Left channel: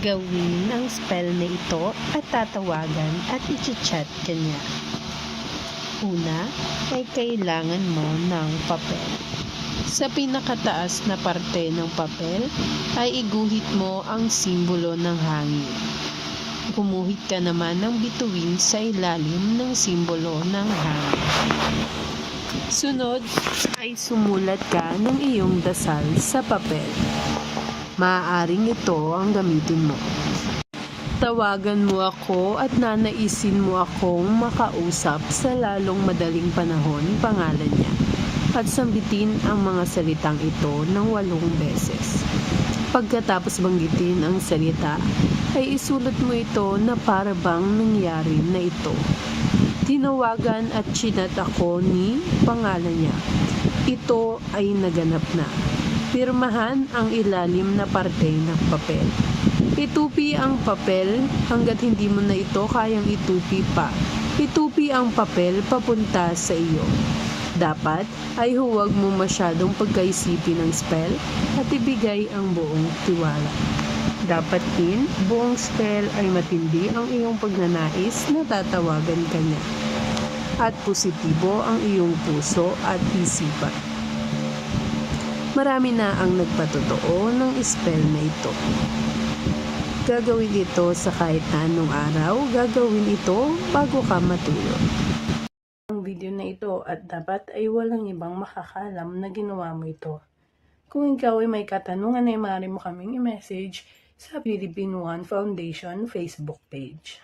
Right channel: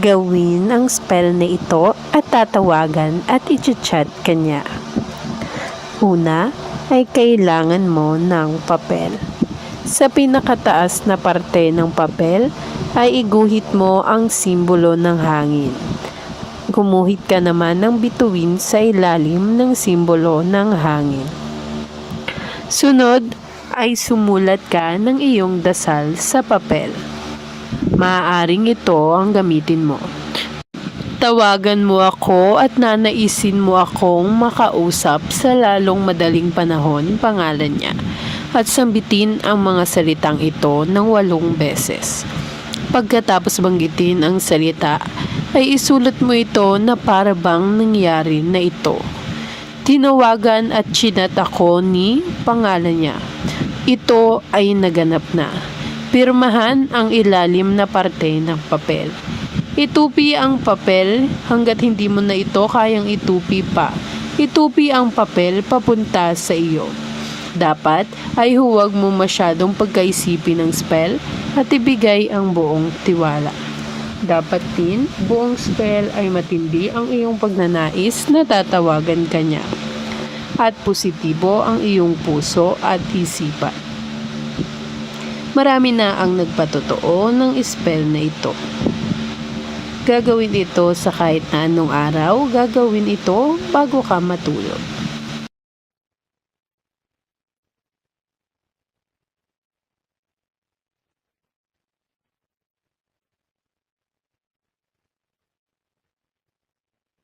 gawin ang spell na ito at tatawagan at i-chat kanya. Una ay kailangan mo ng papel. Sa pinakataas na parte ng papel ay iguhit mo ang simbolo ng hangin. Gumuhit ka naman ng bituin sa ilalim ng simbolo ng hangin. Sunod ay sumulat ka ng iyong dasal sa papel. Maaaring ito ang gamitin mo. Tawagan mo ako at nanaisin mo akong makausap sa lalong madaling panahon, pangalan niya. At sambitin ang mga salitang ito ng walong beses. Pagkatapos banggitin ang salita, ay isulat mo ito na para bang nangyari na ito. Tinawagan at chinat ako ni pangalan niya. Ito ay naganap na. Pirmahan ang ilalim na parte ng papel. Itupi ang papel hanggat hindi mo na ito kayang itupi pa. Itupi ang papel papunta sa iyo. Dapat ay huwag mo masyadong pagkaisipin ng spell at ibigay ang buong tiwala. Dapat din, buong spell ay matindi ang iyong pagnanais na tatawagan ka niya. At positibo ang iyong puso at isipan. Marami na ang nagpatotoo ng spell na ito. Gagawin ito sa kahit anong araw, gagawin ito bago ka matulog. Ang video na ito at dapat ay walang ibang makakalam na ginawa mo ito. Kung ikaw ay may katanungan ay maaari mo kaming i-message sa Philippine One Foundation Facebook page.